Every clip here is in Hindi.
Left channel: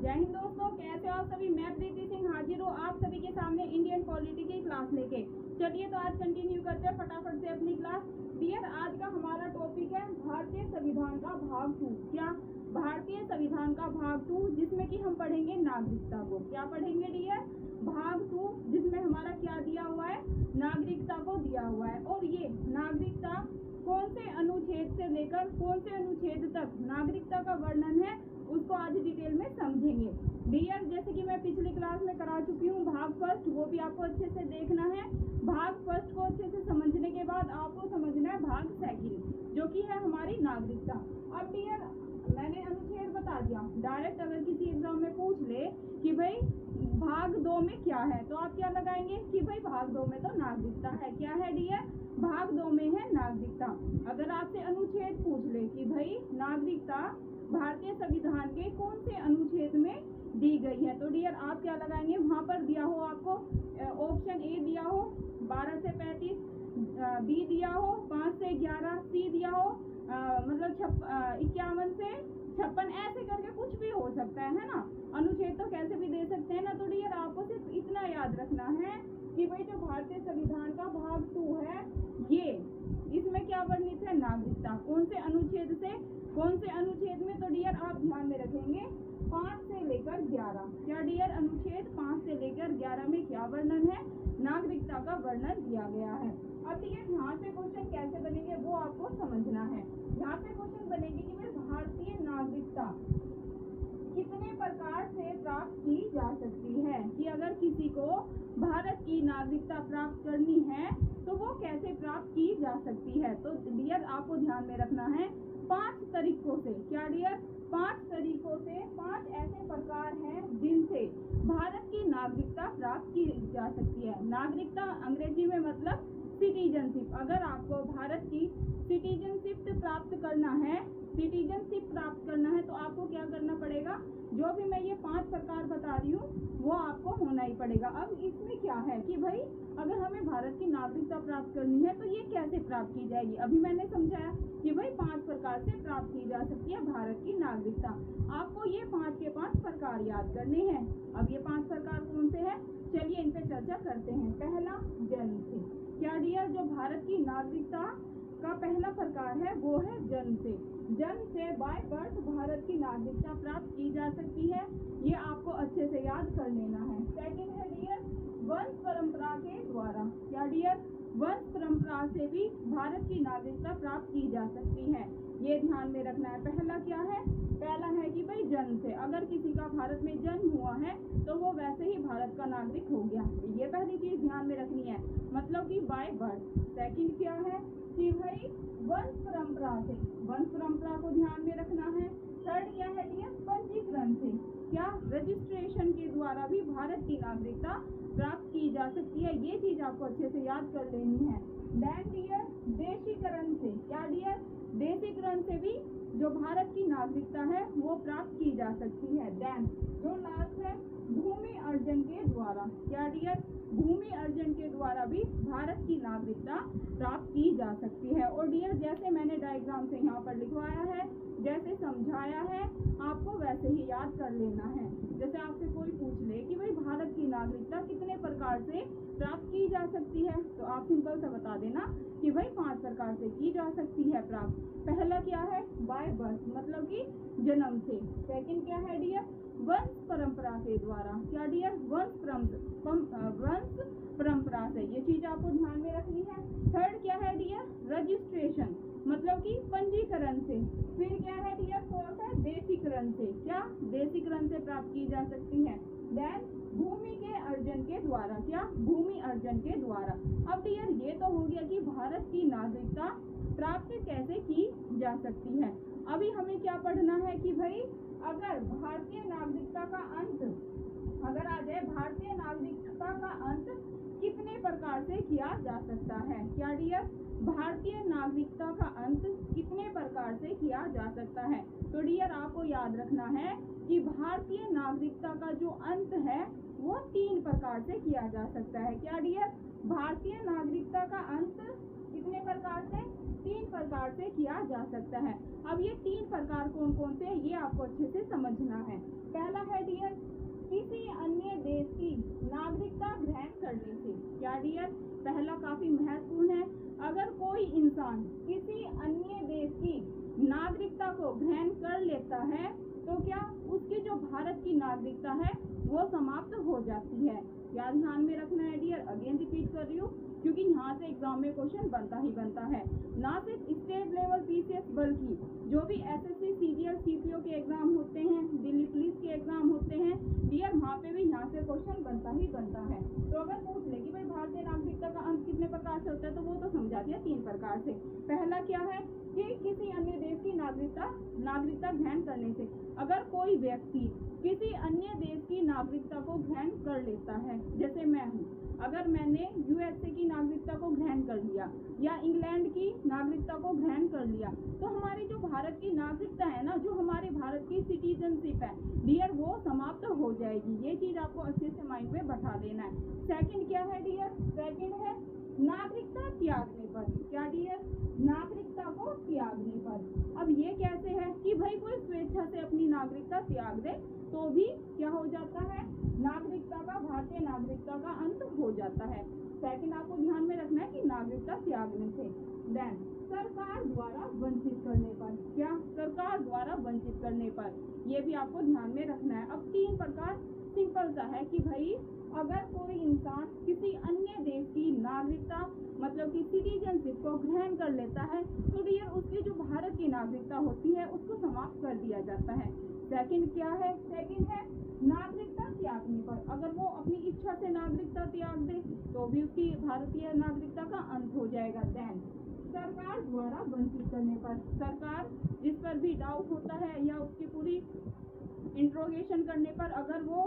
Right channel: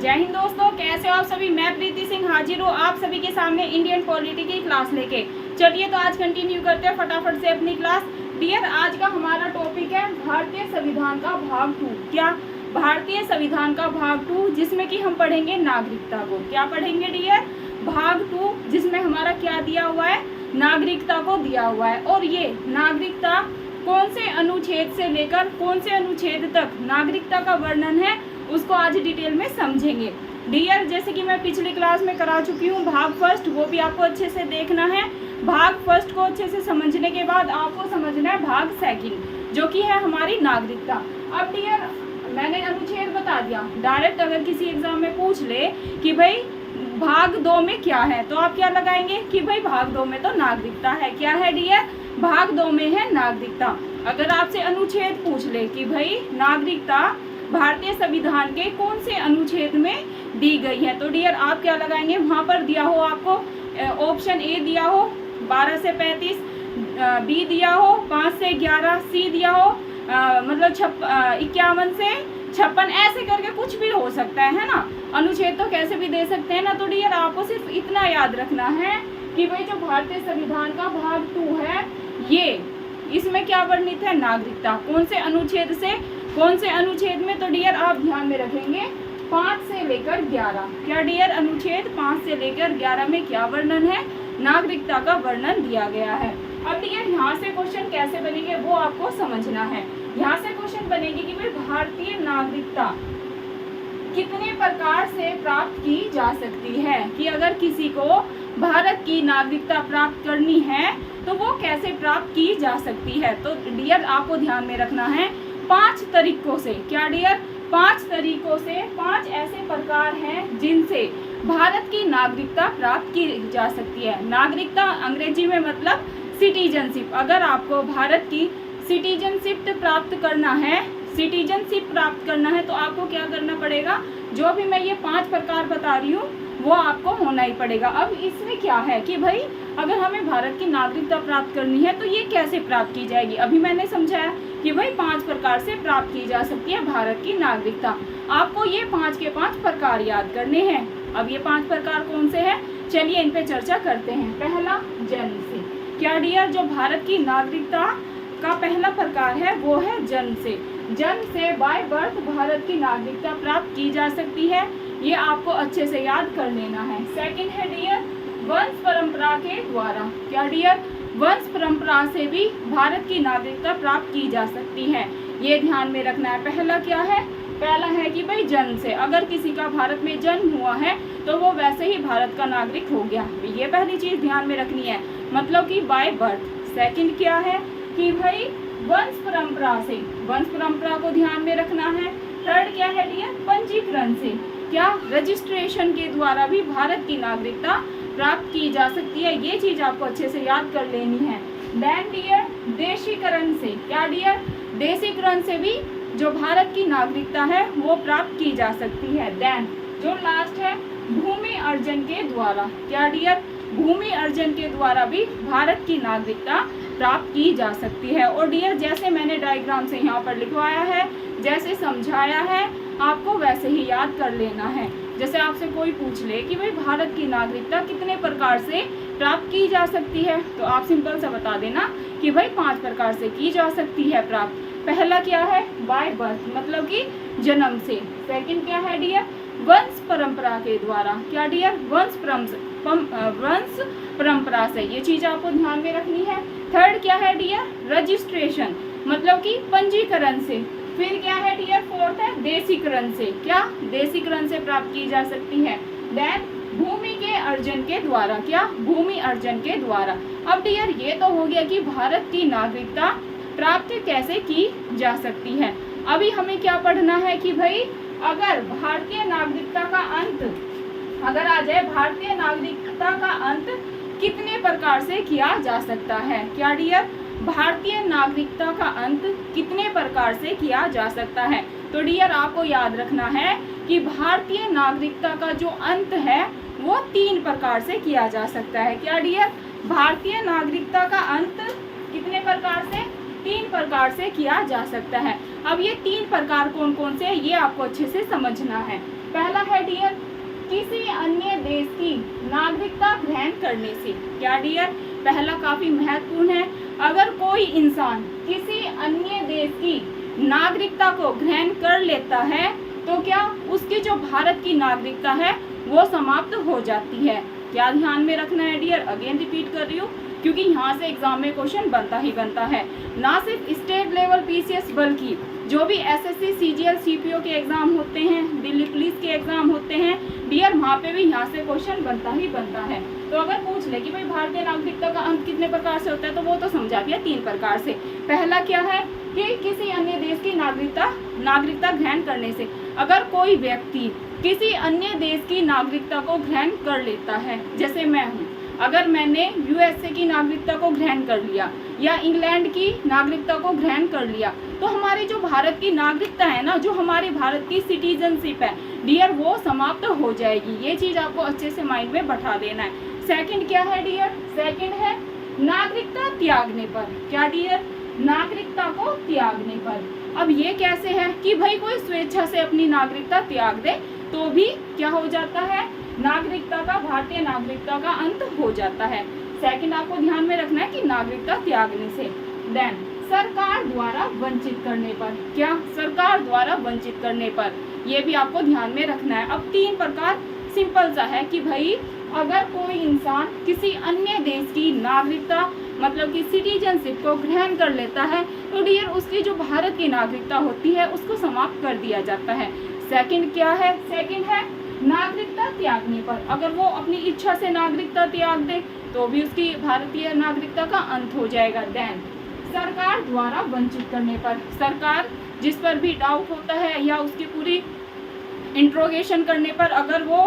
जय हिंद दोस्तों, कैसे हो आप सभी। मैं प्रीति सिंह हाजिर हूँ आप सभी के सामने इंडियन पॉलिटी की क्लास लेके। चलिए तो आज कंटिन्यू करते हैं फटाफट से अपनी क्लास। डियर, आज का हमारा टॉपिक है भारतीय संविधान का भाग 2। क्या? भारतीय संविधान का भाग 2, जिसमें कि हम पढ़ेंगे नागरिकता को। क्या पढ़ेंगे डियर? भाग 2, जिसमें हमारा क्या दिया हुआ है? नागरिकता को दिया हुआ है। और ये नागरिकता कौन से अनुच्छेद से लेकर कौन से अनुच्छेद तक नागरिकता का वर्णन है, उसको आज डिटेल में समझेंगे। डियर, जैसे कि मैं पिछली क्लास में करा चुकी हूँ भाग फर्स्ट, वो भी आपको अच्छे से देखना है। भाग फर्स्ट को अच्छे से समझने के बाद आपको समझना है भाग सेकंड, जो कि है हमारी नागरिकता। अब डियर, मैंने अनुच्छेद बता दिया। डायरेक्ट अगर किसी एग्जाम में पूछ ले कि भाई भाग 2 में क्या है, तो आप क्या लगाएंगे कि भाई भाग 2 में तो नागरिकता है। क्या है डियर? भाग 2 में है नागरिकता। अगर आपसे अनुच्छेद पूछ ले कि भाई नागरिकता भारतीय संविधान के कौन से अनुच्छेद में दी गई है, तो डियर आप क्या लगाएंगे? वहाँ पर दिया हो आपको ऑप्शन ए दिया हो 12 से 35, बी दिया हो 5 से 11, सी दिया हो मतलब 51 से 56, ऐसे करके कुछ भी हो सकता है ना। अनुच्छेद तो कैसे भी दे सकते हैं ना। तो डियर आपको सिर्फ इतना याद रखना है कि भाई जो भारतीय संविधान का भाग 2 है, ये इसमें क्या वर्णित है? नागरिकता। कौन से अनुच्छेद से कौन से अनुच्छेद में? तो डियर आप ध्यान में रखेंगे 5 से लेकर 11। क्या डियर? अनुच्छेद 5 से लेकर 11 में क्या वर्णन है? नागरिकता का वर्णन दिया गया है। अब डियर यहाँ से क्वेश्चन कैसे बनेंगे वो आपको समझना है। यहाँ से क्वेश्चन बनेगी कि भाई भारतीय नागरिकता कितने प्रकार से प्राप्त की जा सकती है, कि अगर किसी को भारत की नागरिकता प्राप्त करनी है तो वो कैसे प्राप्त की जा सकती है। तो डियर आपको ध्यान में रखना है 5 तरीकों से। क्या डियर? 5 तरीकों से, 5 ऐसे प्रकार हैं जिनसे भारत की नागरिकता प्राप्त की जा सकती है। नागरिकता अंग्रेजी में मतलब सिटीजनशिप। अगर आपको भारत की सिटीजनशिप प्राप्त करना है, तो आपको क्या करना पड़ेगा? जो भी मैं ये 5 प्रकार बता रही हूँ वो आपको होना ही पड़ेगा। अब इसमें क्या है कि भाई अगर हमें भारत की नागरिकता प्राप्त करनी है तो ये कैसे प्राप्त की जाएगी। अभी मैंने समझाया कि भाई 5 प्रकार से प्राप्त की जा सकती है भारत की नागरिकता। आपको ये 5 के 5 प्रकार याद करने हैं। अब ये 5 प्रकार कौन से हैं, चलिए इन पे चर्चा करते हैं। पहला, जन्म से। क्या डियर? जो भारत की नागरिकता का पहला प्रकार है वो है जन्म से। जन्म से बाय बर्थ भारत की नागरिकता प्राप्त की जा सकती है। ये आपको अच्छे से याद कर लेना है। सेकंड है डियर, वंश परंपरा के द्वारा। क्या डियर? वंश परंपरा से भी भारत की नागरिकता प्राप्त की जा सकती है। ये ध्यान में रखना है। पहला क्या है? पहला है कि भाई जन्म से, अगर किसी का भारत में जन्म हुआ है तो वो वैसे ही भारत का नागरिक हो गया। ये पहली चीज ध्यान में रखनी है, मतलब कि बाय बर्थ। सेकंड क्या है कि भाई वंश परंपरा से, वंश परंपरा को ध्यान में रखना है। थर्ड क्या है डियर? पंजीकरण से। क्या? रजिस्ट्रेशन के द्वारा भी भारत की नागरिकता प्राप्त की जा सकती है। ये चीज आपको अच्छे से याद कर लेनी है। देन डियर, देशीकरण से। क्या डियर? देशीकरण से भी जो भारत की नागरिकता है वो प्राप्त की जा सकती है। देन जो लास्ट है, भूमि अर्जन के द्वारा। क्या डियर? भूमि अर्जन के द्वारा भी भारत की नागरिकता प्राप्त की जा सकती है। और डियर जैसे मैंने डायग्राम से यहाँ पर लिखवाया है, जैसे समझाया है, आपको वैसे ही याद कर लेना है। जैसे आपसे कोई पूछ ले कि भाई भारत की नागरिकता कितने प्रकार से प्राप्त की जा सकती है, तो आप सिंपल सा बता देना कि भाई 5 प्रकार से की जा सकती है प्राप्त। पहला क्या है? बाय बर्थ, मतलब कि जन्म से। सेकंड क्या है डियर? वंश परंपरा के द्वारा। क्या डियर? वंश परंपरा से। ये चीज आपको ध्यान में रखनी है। थर्ड क्या है डियर? रजिस्ट्रेशन, मतलब कि पंजीकरण से। फिर क्या है डियर? फोर्थ है देशीकरण से। क्या? देशीकरण से प्राप्त की जा सकती है। देन भूमि के अर्जन के द्वारा। क्या? भूमि अर्जन के द्वारा। अब डियर ये तो हो गया कि भारत की नागरिकता प्राप्त कैसे की जा सकती है। अभी हमें क्या पढ़ना है कि भाई अगर भारतीय नागरिकता का अंत अगर आ जाए, भारतीय नागरिकता का अंत कितने प्रकार से किया जा सकता है। क्या डियर? भारतीय नागरिकता का अंत कितने प्रकार से किया जा सकता है। तो डियर आपको याद रखना है कि भारतीय नागरिकता का जो अंत है वो 3 प्रकार से किया जा सकता है। क्या डियर? भारतीय नागरिकता का अंत कितने प्रकार से? तीन प्रकार से किया जा सकता है। अब ये तीन प्रकार कौन कौन से हैं ये आपको अच्छे से समझना है। पहला है डियर, किसी अन्य देश की नागरिकता ग्रहण करने से। क्या डियर, पहला काफी महत्वपूर्ण है। अगर कोई इंसान किसी अन्य देश की नागरिकता को ग्रहण कर लेता है तो क्या उसकी जो भारत की नागरिकता है वो समाप्त हो जाती है। क्या ध्यान में रखना है डियर, अगेन रिपीट कर रही हूँ क्योंकि यहाँ से एग्जाम में क्वेश्चन बनता ही बनता है। ना सिर्फ स्टेट लेवल पीसीएस बल्कि जो भी एसएससी सीजीएल सीपीओ के एग्जाम होते हैं, दिल्ली पुलिस के एग्जाम होते हैं डियर, वहाँ पे भी यहाँ से क्वेश्चन बनता ही बनता है। तो अगर पूछ ले कि भाई भारतीय नागरिकता का अंत कितने प्रकार से होता है तो वो तो समझा दिया, तीन प्रकार से। पहला क्या है कि किसी अन्य देश की नागरिकता ग्रहण करने से। अगर कोई व्यक्ति किसी अन्य देश की नागरिकता को ग्रहण कर लेता है, जैसे मैं हूँ, अगर मैंने यूएसए की नागरिकता को ग्रहण कर लिया या इंग्लैंड की नागरिकता को ग्रहण कर लिया तो हमारी जो भारत की नागरिकता है ना, जो हमारी भारत की सिटीजनशिप है डियर, वो समाप्त हो जाएगी। ये चीज आपको अच्छे से माइंड में बैठा देना है। सेकंड क्या है डियर, सेकंड है नागरिकता त्यागने पर। क्या डियर, नागरिकता को त्यागने पर। अब ये कैसे है कि भाई कोई स्वेच्छा से अपनी नागरिकता त्याग दे तो भी क्या हो जाता है, नागरिकता का, भारतीय नागरिकता का अंत हो जाता है। सेकंड आपको ध्यान में रखना है कि नागरिकता त्यागने से। देन सरकार द्वारा वंचित करने पर। क्या, सरकार द्वारा वंचित करने पर, ये भी आपको ध्यान में रखना है। अब तीन प्रकार सिंपल सा है कि भाई अगर कोई इंसान किसी अन्य देश की नागरिकता मतलब कि सिटीजनशिप को ग्रहण कर लेता है तो डियर उसकी जो भारत की नागरिकता होती है उसको समाप्त कर दिया जाता है। सेकंड क्या है, सेकंड है नागरिकता त्यागने पर। अगर वो अपनी इच्छा से नागरिकता त्याग दे तो भी उसकी भारतीय नागरिकता का अंत हो जाएगा। देन सरकार द्वारा वंचित करने पर, सरकार जिस पर भी डाउट होता है या उसकी पूरी इंट्रोगेशन करने पर अगर वो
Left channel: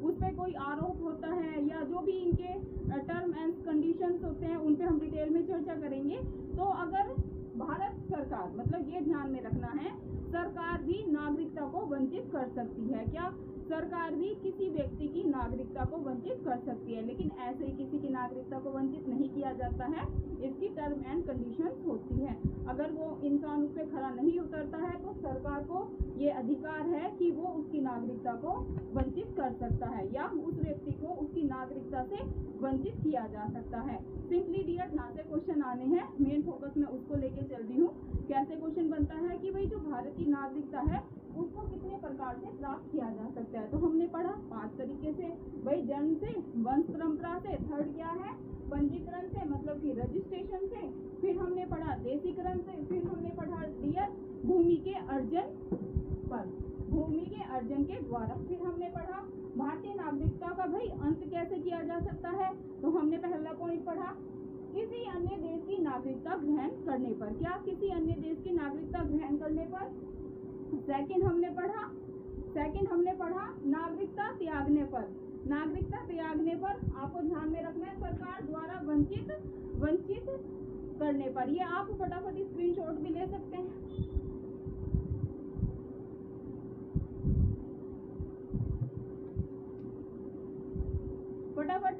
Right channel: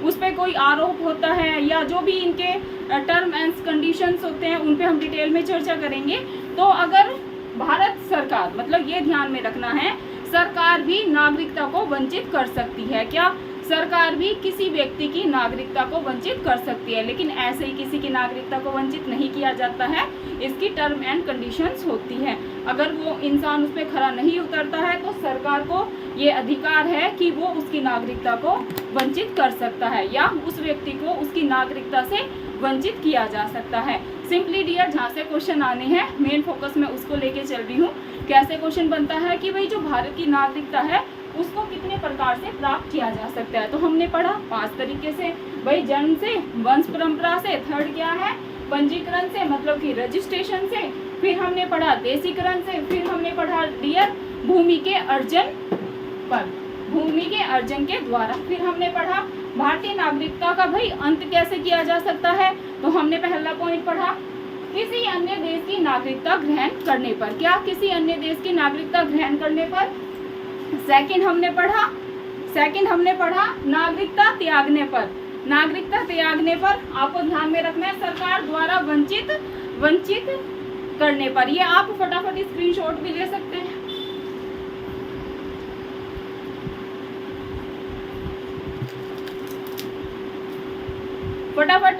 उस पर कोई आरोप होता है या जो भी इनके टर्म एंड कंडीशंस होते हैं उन पे हम डिटेल में चर्चा करेंगे। तो अगर भारत सरकार, मतलब ये ध्यान में रखना है, सरकार भी नागरिकता को वंचित कर सकती है। क्या, सरकार भी किसी व्यक्ति की नागरिकता को वंचित कर सकती है, लेकिन ऐसे ही किसी की नागरिकता को वंचित नहीं किया जाता है, इसकी टर्म एंड कंडीशंस होती है। अगर वो इंसान उस पर खरा नहीं उतरता है तो सरकार को ये अधिकार है कि वो उसकी नागरिकता को वंचित कर सकता है या उस व्यक्ति को उसकी नागरिकता से वंचित किया जा सकता है। सिंपली डियर जहाँ से क्वेश्चन आने हैं मेन फोकस में उसको लेके चल रही हूँ। कैसे क्वेश्चन बनता है कि भाई जो भारत की नागरिकता है उसको कितने प्रकार से प्राप्त किया जा सकता है। तो हमने पढ़ा 5 तरीके से, भाई जन्म से, वंश परंपरा से, थर्ड क्या है पंजीकरण से मतलब कि रजिस्ट्रेशन से, फिर हमने पढ़ा देशीकरण से, फिर हमने पढ़ा डियर भूमि के अर्जन पर, भूमि के अर्जन के द्वारा, फिर हमने पढ़ा भारतीय नागरिकता का भाई अंत कैसे किया जा सकता है। तो हमने पहला पॉइंट पढ़ा किसी अन्य देश की नागरिकता ग्रहण करने पर। क्या, किसी अन्य देश की नागरिकता ग्रहण करने पर। सेकंड हमने पढ़ा नागरिकता त्यागने पर। नागरिकता त्यागने पर आपको ध्यान में रखना है सरकार द्वारा वंचित करने पर। ये आप फटाफट स्क्रीनशॉट भी ले सकते हैं। फटाफट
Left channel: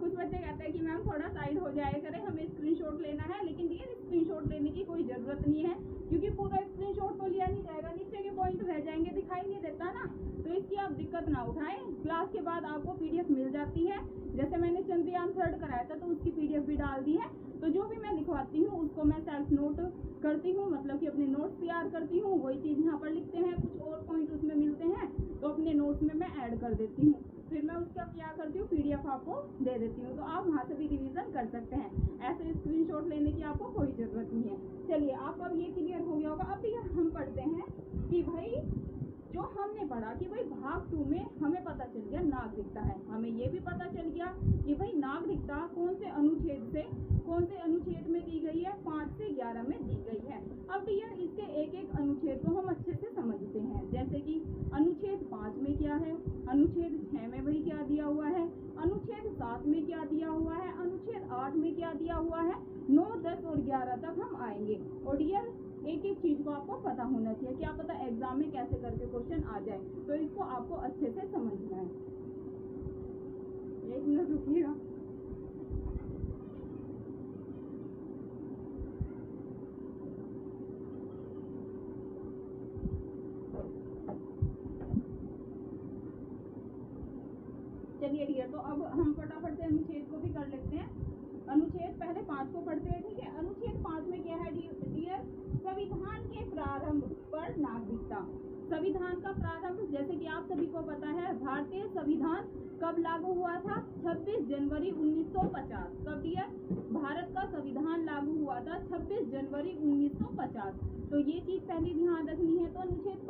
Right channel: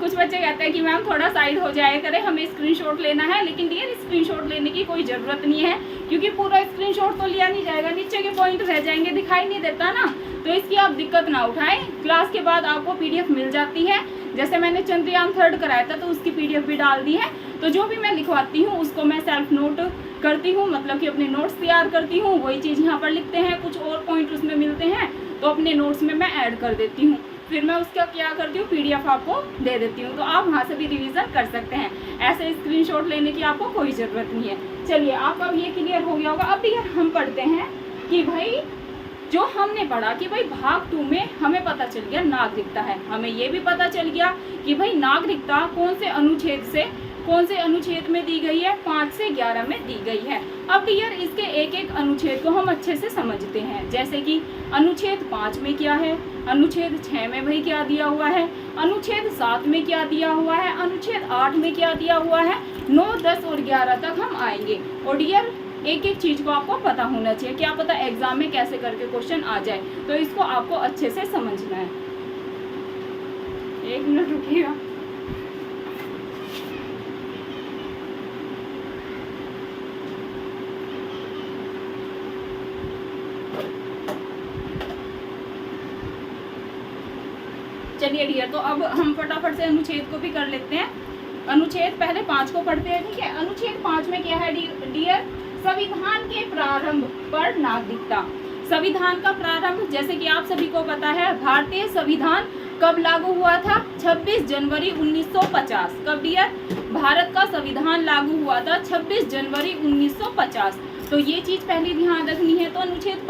कुछ बच्चे कहते हैं कि मैम थोड़ा साइड हो जाए करें, हमें स्क्रीनशॉट लेना है, लेकिन डियर स्क्रीनशॉट लेने की कोई ज़रूरत नहीं है क्योंकि पूरा स्क्रीनशॉट तो लिया नहीं जाएगा, नीचे के पॉइंट रह जाएंगे, दिखाई नहीं देता ना, तो इसकी आप दिक्कत ना उठाएं। क्लास के बाद आपको पीडीएफ मिल जाती है, जैसे मैंने चंद्रयान 3 कराया था तो उसकी पीडीएफ भी डाल दी है। तो जो भी मैं लिखवाती हूँ उसको मैं सेल्फ नोट करती हूँ, मतलब कि अपने नोट्स तैयार करती हूँ, वही चीज़ यहाँ पर लिखते हैं, कुछ और पॉइंट उसमें मिलते हैं तो अपने नोट्स में मैं ऐड कर देती हूँ, फिर मैं उसका क्या करती हूँ पीडीएफ आपको दे देती हूँ, तो आप वहाँ से भी रिवीजन कर सकते हैं। ऐसे स्क्रीनशॉट लेने की आपको कोई ज़रूरत नहीं है। चलिए आपका अब ये क्लियर हो गया होगा। अब यार हम पढ़ते हैं कि भाई जो हमने पढ़ा कि भाई भाग 2 में हमें पता चल गया नागरिकता है, हमें ये भी पता चल गया कि भाई नागरिकता कौन से अनुच्छेद में दी गई है, 5 से 11 में दी गई है। अब यार इसके एक एक अनुच्छेद को हम अच्छे से समझते हैं, जैसे कि अनुच्छेद 5 में क्या है, अनुच्छेद 6 में भाई क्या दिया हुआ है, अनुच्छेद 7 में क्या दिया हुआ है, अनुच्छेद 8 में क्या दिया हुआ है, 9, 10 और 11 तक हम आएंगे। और डियर एक एक चीज़ को आपको पता होना चाहिए, क्या पता एग्जाम में कैसे करके क्वेश्चन आ जाए, तो इसको आपको अच्छे से समझना है। 1 मिनट रुकिएगा। चलिए डियर, तो अब हम फटाफट से अनुच्छेद को भी कर लेते हैं। अनुच्छेद पहले 5 को पढ़ते हैं, ठीक है। अनुच्छेद 5 में क्या है डियर? संविधान के प्रारंभ पर नागरिकता। संविधान का प्रारंभ, जैसे कि आप सभी को पता है, भारतीय संविधान कब लागू हुआ था? 26 जनवरी 1950। कब डियर? भारत का संविधान लागू हुआ था 26 जनवरी 1950। तो ये चीज पहले ध्यान रखनी है। तो अनुच्छेद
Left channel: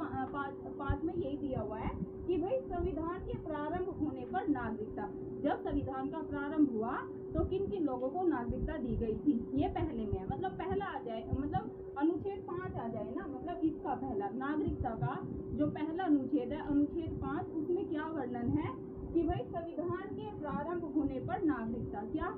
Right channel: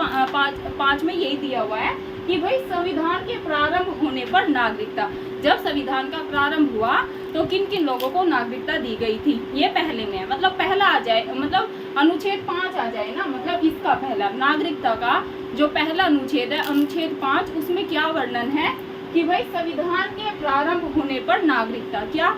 5 में यही दिया हुआ है कि भाई संविधान के प्रारंभ होने पर नागरिकता। जब संविधान का प्रारंभ हुआ तो किन किन लोगों को नागरिकता दी गई थी, ये पहले में है। मतलब पहला आ जाए, मतलब अनुच्छेद 5 आ जाए ना, मतलब इसका पहला नागरिकता का जो पहला अनुच्छेद है, अनुच्छेद 5, उसमें क्या वर्णन है कि भाई संविधान के प्रारंभ होने पर नागरिकता। क्या?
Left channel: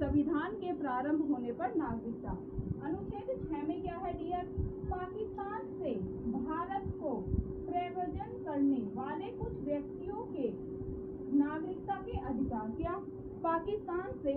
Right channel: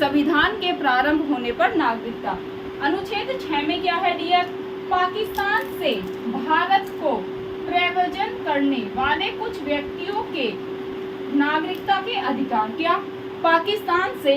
संविधान के प्रारंभ होने पर नागरिकता। अनुच्छेद 6 में क्या है डियर? पाकिस्तान से भारत को प्रव्रजन करने वाले कुछ व्यक्तियों के नागरिकता के अधिकार। क्या? पाकिस्तान से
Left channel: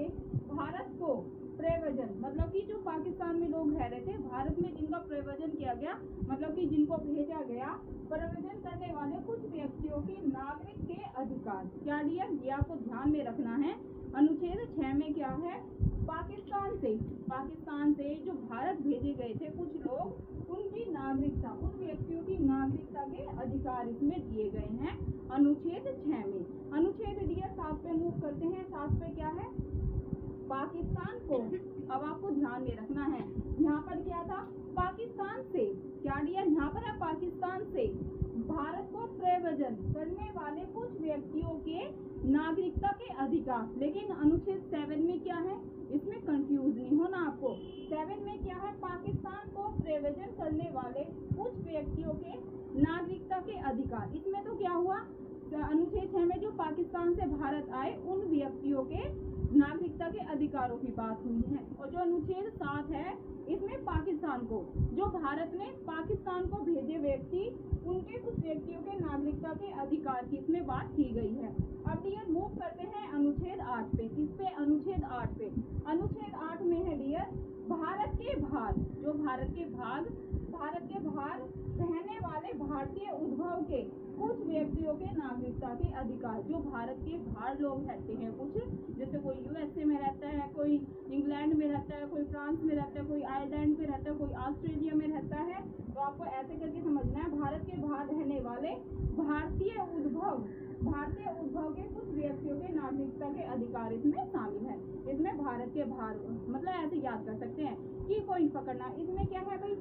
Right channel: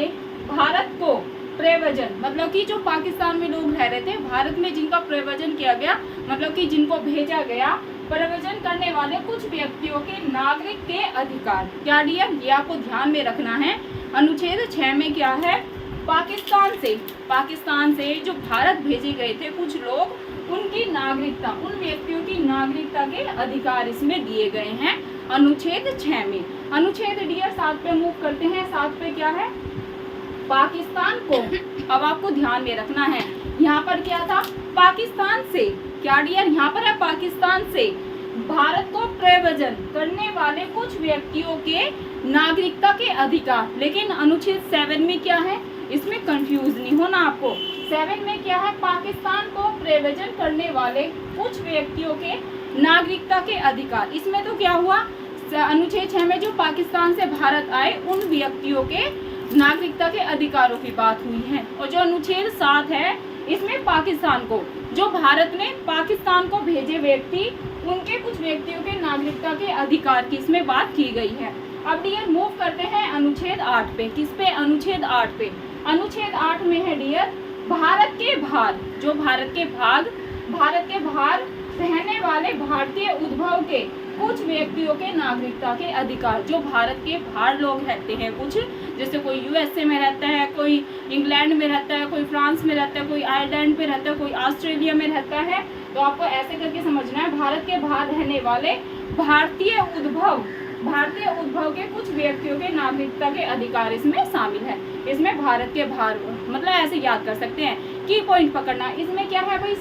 भारत को प्रव्रजन, मतलब कि जो पाकिस्तान में लोग रह रहे थे, भारत में जिनका प्रव्रजन किया गया, मतलब कि जिनको भेजा गया, प्रव्रजन करने वाले कुछ व्यक्तियों के नागरिक के अधिकार। क्या डियर? ये आपको ध्यान में रखना है। अनुच्छेद 6 में क्या है? पाकिस्तान से जो भारत भेजे गए थे कुछ लोग, उनकी नागरिकता, उन व्यक्तियों की नागरिकता के अधिकार इसमें दिए गए हैं अनुच्छेद 6 में। अनुच्छेद डियर 7 पे मूव करते हैं। 7 पे क्या है? पाकिस्तान को, अब आपको ध्यान में रखना है, यहाँ पर क्या था? पाकिस्तान से, क्या डियर? यहाँ पर है पाकिस्तान से भारत को प्रव्रजन करने वाले कुछ व्यक्तियों के नागरिकता के अधिकार। लेकिन अनुच्छेद 7 में क्या है? इसमें कंफ्यूज नहीं होना आपको। 7 में क्या है? पाकिस्तान को प्रव्रजन करने वाले कुछ व्यक्तियों के नागरिकता के अधिकार। इसमें तो क्या हुआ? अनुच्छेद 6 में जो पाकिस्तान से भारत आए उन व्यक्तियों के नागरिकता के अधिकारों की बात हुई है। और जो अनुच्छेद 7 है, इसमें पाकिस्तान को, जो भारत ने पाकिस्तान को भेजे व्यक्ति, उनके कुछ व्यक्तियों के नागरिकता के अधिकार की इसमें बात की गई है। अब डियर मूव करते हैं अनुच्छेद 8 पे। किस पे? अनुच्छेद 8 पे। अनुच्छेद 8 में है डियर, भारत के बाहर, जो भारत के बाहर रहने वाले भारतीय उद्भव के कुछ व्यक्तियों के नागरिकता के अधिकार। जो भारत के बाहर लोग रहते हैं कुछ, जैसे कोई यूएसए में रहता है, कोई इंग्लैंड में रहता है, कोई फ्रांस में रहता है, कोई आयरलैंड में रहता है, कोई ऑस्ट्रेलिया में रहता है, तो आपको ऐसे करके समझना है, भारत के बाहर रहने वाले भारतीय उद्भव के कुछ व्यक्तियों के नागरिकता के अधिकार इसमें शामिल है। इसमें भारत के बाहर, मतलब ऐसे याद कर सकते हैं। की पॉइंट पकड़ना, इसमें क्या है भाई?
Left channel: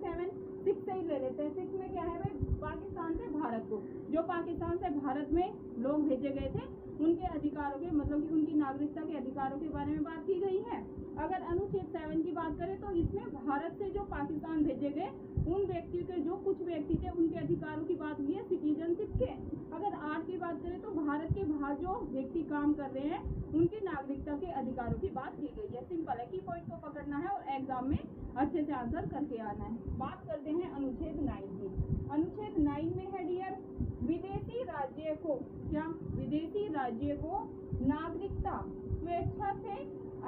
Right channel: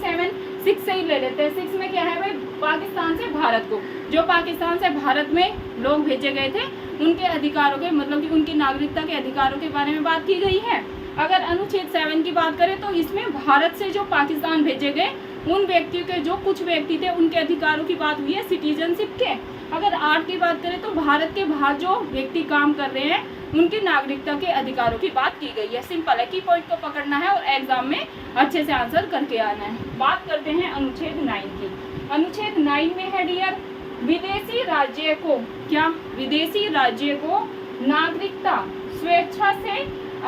6 से ही ले लेते हैं। 6 में क्या है भाई? पाकिस्तान से भारत को, जो पाकिस्तान से भारत में लोग भेजे गए थे, उनके अधिकारों के, मतलब कि उनकी नागरिकता के अधिकारों के बारे में बात की गई है। अगर अनुच्छेद 7 की बात करें तो इसमें भारत से जो पाकिस्तान भेजे गए उन व्यक्तियों के, जो कुछ व्यक्ति थे, उनके अधिकारों की बात हुई है, सिटीजनशिप के। अगर 8 की बात करें तो भारत के बाहर जो व्यक्ति काम कर रहे हैं, उनकी नागरिकता के अधिकारों की बात की गई है। सिंपल है, की पॉइंट को पकड़ना है और एग्जाम में अच्छे से आंसर करके आना है। बात करते हैं अनुच्छेद 9 की। अनुच्छेद 9 में है डियर, विदेशी राज्य को, क्या? विदेशी राज्य को नागरिकता स्वेच्छा से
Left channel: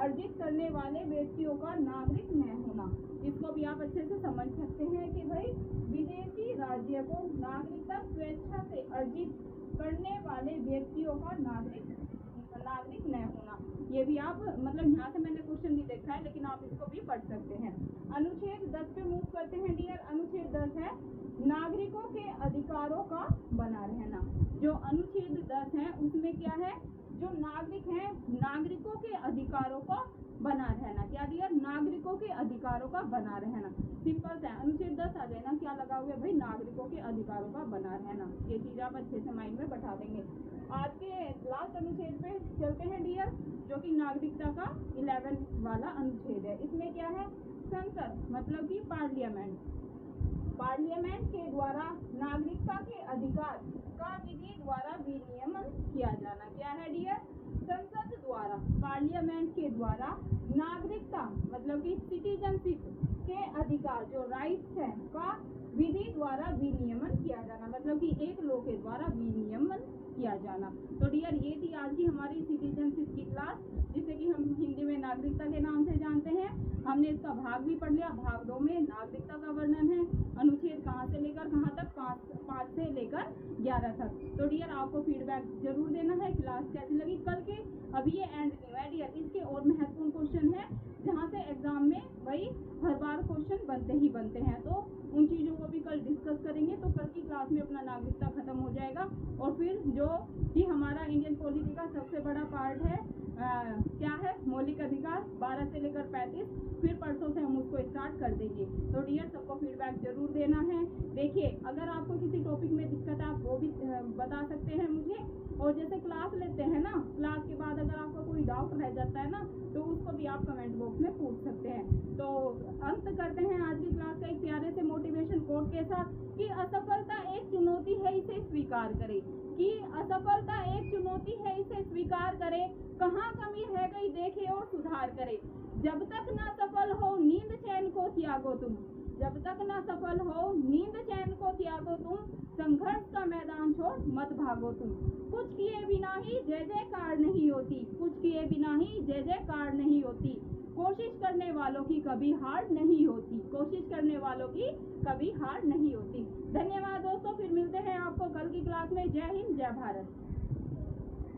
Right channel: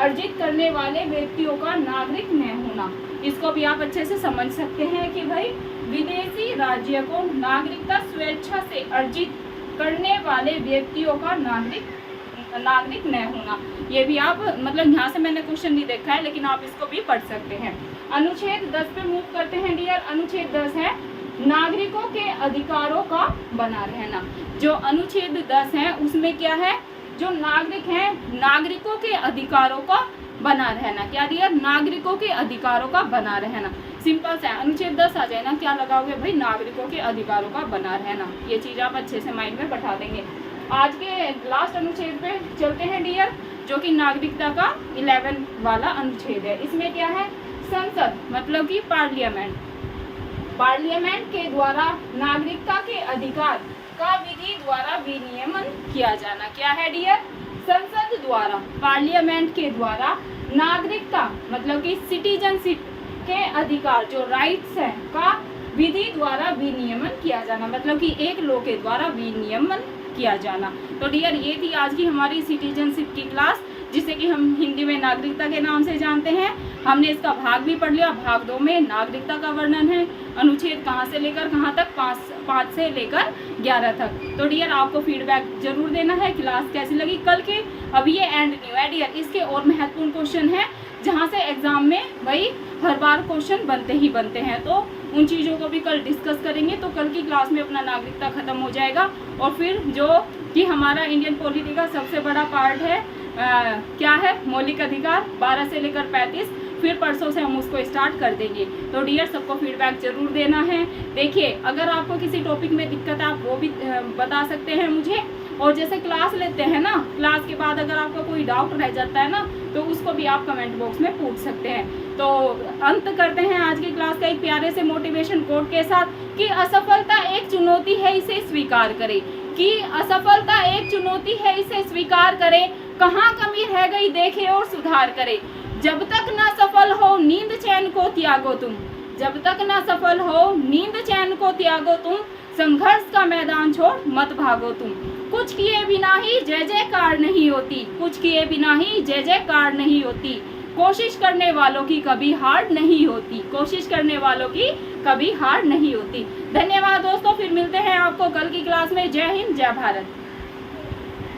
अर्जित करने वाले व्यक्तियों का नागरिक न होना। इसको भी आप अच्छे से समझ सकते हैं कि भाई विदेशी राज्य को नागरिकता स्वेच्छा से अर्जित करने वाले व्यक्तियों का नागरिक न होना। ये भी आप, मतलब यहाँ से मैंने क्वेश्चन नहीं देखा है, लेकिन आप इसको भी पढ़ सकते हैं। अनुच्छेद 10 पे मूव करते हैं डियर। अनुच्छेद 10 है नागरिकों के अधिकारों का बना रहना। जो अनुच्छेद 10 है उसमें क्या है? जो नागरिक हैं, नागरिकों के अधिकारों का बना रहना। क्या दिया? नागरिकों के अधिकारों का बना रहना। सिंपल सा अनुच्छेद 10 आ जाए ना, क्या लगाओगे भाई? नागरिकों के अधिकारों का बना रहना। ये चीज आप अच्छे से माइंड में बैठा देंगे। आज के लास्ट अनुच्छेद पे चलते हैं डियर, जो कि नागरिकता का 11 वाला अनुच्छेद है। इसमें क्या है? संसद, मतलब कि पार्लियामेंट के द्वारा नागरिकता के अधिकार का विधि द्वारा विनियमन किया जाना। क्या है डियर? संसद द्वारा, पार्लियामेंट के द्वारा नागरिकता, मतलब कि सिटीजनशिप के अधिकार, जो राइट्स हैं, का विधि द्वारा विनियमन किया जाना, मतलब कि एक लॉ के द्वारा विनियमन किया जाना। तो डियर ये थी आज की हमारी सिटीजनशिप की क्लास, जिसे कि हम हिंदी में नागरिकता के नाम से जानते हैं। हमने इसका भाग भी पढ़ लिया। भाग 2 में नागरिकता का वर्णन है, अनुच्छेद कहाँ से लेकर कहाँ तक, 5 से लेकर 11 तक। तो डियर आपको फीडबैक जरूर देना है, क्लास कैसी लगी कल की। अब ये एंड न्यू है डियर, इसके और महत्वपूर्ण क्वेश्चन है जहाँ से एग्जाम में भाई हर बार क्वेश्चन बनते ही बनते हैं, तो उन चीज़ों को भी कल डिस्कस करेंगे। तो कल की क्लास में अपना नागरिकता खत्म हो जाएगा और फिर जो कि हमारा इंडियन पॉलिटी का सबसे बड़ा पार्ट है क्या है, मौलिक अधिकार 12 से लेकर 35, फिर परसों से हम उसको स्टार्ट कर देंगे। तो डियर सबको फीडबैक जरूर देना है। देखिए अगर आपको किसी टॉपिक में दिक्कत है आप वो भी बता सकते हैं मुझे, और जैसे क्लास लेते हैं ना, क्लास के बाद अगर आपका कोई डाउट रह जाता है ना तो उसको भी आप कमेंट बॉक्स में पूछ सकते हैं। तो अंत करते हैं आज की क्लास का एक प्यारे से मोटिवेशन कोट के साथ कि असफलता एक चुनौती है, इसे स्वीकार करें। कि असफलता एक चुनौती है, इसे स्वीकार करें। कहाँ कमी रह गई देखे और सुधार करें। जब तक ना सफल हो नींद चैन को त्यागो तुम, जब तक ना सफल हो नींद चैन को त्यागो तुम, संघर्ष का मैदान छोड़ मत भागो तुम। कुछ किए बिना ही जय जयकार नहीं होती, कुछ किए बिना ही जय जयकार नहीं होती। कोशिश करने वालों की कभी हार नहीं होती, कोशिश करने वालों की कभी हार नहीं होती। धन्यवाद दोस्तों, फिर मिलते हैं आपको कल की क्लास में। जय हिंद, जय भारत।